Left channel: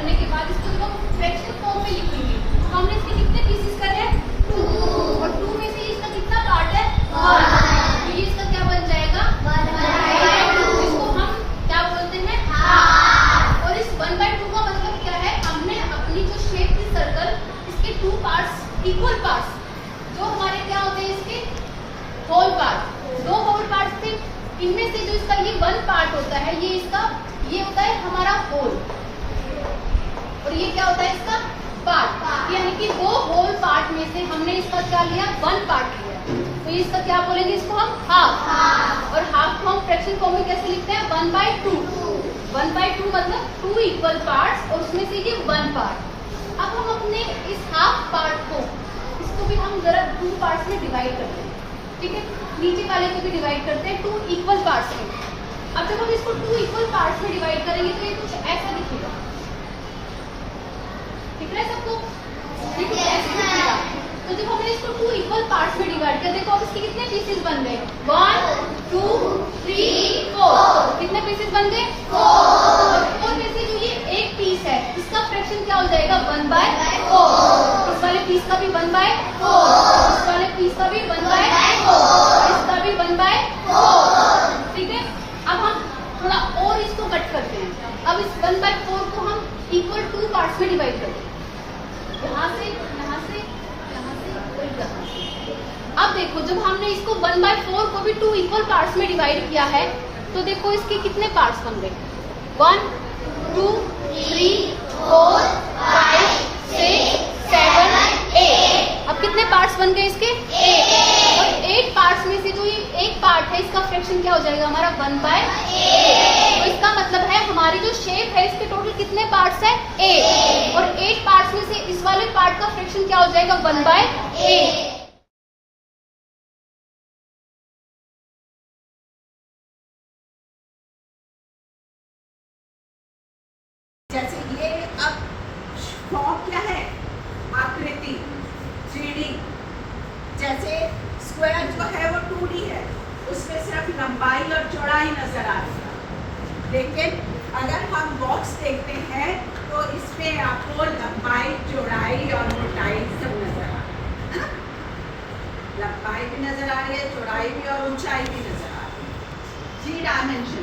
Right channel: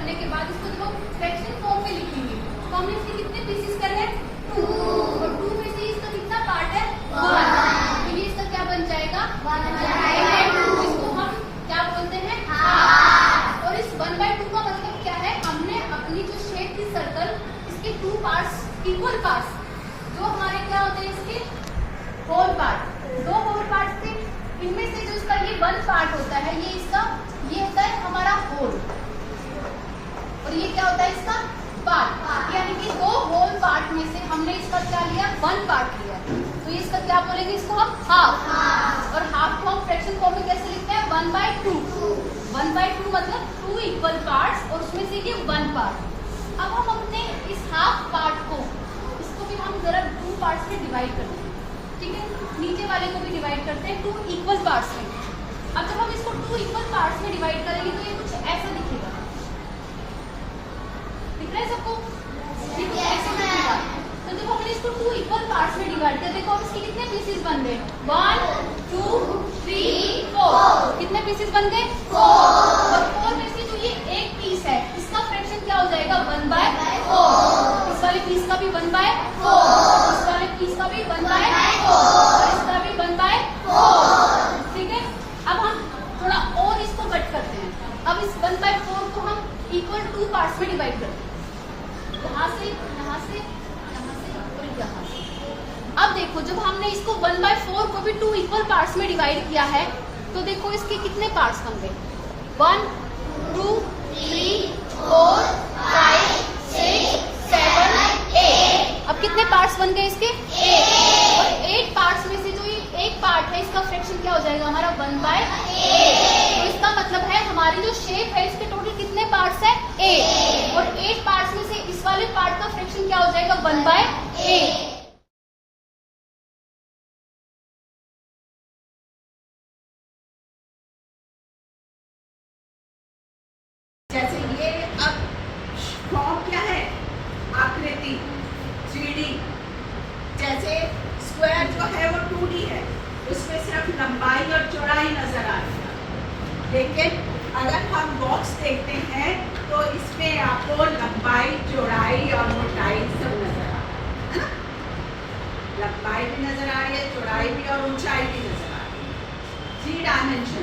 करने के बाद इसको देखो फ्रैक्शन फॉर्म में लिखेंगे। तो हमने इसके कितने पीसेस करने हैं? 2, और 2 में से इसका कितना पार्ट है? 1। तो ये इसका क्या बन जाएगा? 1/2। इसको हम क्या बोलते हैं? हाफ। और इस 1/2 का मतलब क्या है? हमने अपनी जो शेप थी सर्कल, इसके 2 पार्ट्स, इक्वल पार्ट्स, जो हमारे क्या होते हैं इसके होल पार्ट, 2 होल पार्ट्स थे, इनमें से जो इसका ये 1 पार्ट होता है, ये इसका ये होता है हमारा होल, और ये क्या होता है इसका पार्ट। यानी कि 2 होल पार्ट में से हमने इसका क्या लिया? 1 पार्ट लिया। तो ये इसका क्या बोलेंगे? इसको हम हाफ। और हाफ को हम फ्रैक्शन फॉर्म में कैसे लिखते हैं? 1/2। 1/2 मतलब 2 इक्वल पार्ट्स, और उसमें से ये 1 पार्ट। अब हम अपने इस हाफ पार्ट को, इसको भी हम जरा 2 पार्ट्स में डिवाइड करते हैं, ठीक है? नीचे वाले को भी डिवाइड करते हैं 2 इक्वल पार्ट्स में। अब जब हम इसको 2 इक्वल पार्ट्स में डिवाइड करेंगे तो ये कुछ ऐसा दिखेगा। दिख रहा है सबको? ठीक है, ऐसे दिखेगा। तो जब हमने इसको 2 इक्वल पार्ट्स में डिवाइड कर, देखो अब इसके कितने पीसेस बन गए? 1 2 3 4। कितने पीसेस बन गए? 4। और 4 में से जो ये एक पीस है, इसका फ्रैक्शन क्या हो जाएगा? 1/4। इस वाले पीस का भी 1/4, इस वाले पीस का भी 1/4, और इसका भी 1/4। ठीक है? अब हम थोड़ा और इसको कट करते हैं। अब इस 1/4 को हम इक्वल 2 पार्ट्स में डिवाइड करते हैं, यहाँ से, यहाँ से, यहाँ से और यहाँ से। अब देखो जब हमने इसको 1/4 को भी 2 इक्वल पार्ट्स में डिवाइड किया है, तो देखो इसके कितने पार्ट्स बन गए? 1 2 3 4 5 6 7 8। अब कितने पार्ट्स बन गए इसके? 8। और 8 पार्ट्स में से जो ये एक पार्ट है, इसका फ्रैक्शन क्या हो जाएगा हमारा? 1/8। तो इसका मतलब है हमारी जो शेप है, इसके टोटल कितने पार्ट्स हैं? 8। और 8 पार्ट्स में से इस वाले पार्ट का फ्रैक्शन क्या हो जाएगा? 1/8। जैसे ये अब फॉर्म क्या है? आकृति 3D। जैसे स्क्वायर जो है वो 2D है, उसमें सिर्फ लंबाई और चौड़ाई नजर आ रही है। लेकिन अगर हम बॉक्स देखते हैं तो इसमें आपको लंबाई, चौड़ाई और मोटाई सब नजर आ रही है ना? लंबाई भी नजर आ रही है, चौड़ाई भी और ऊंचाई भी नजर आ रही है। 3 डायमेंशन।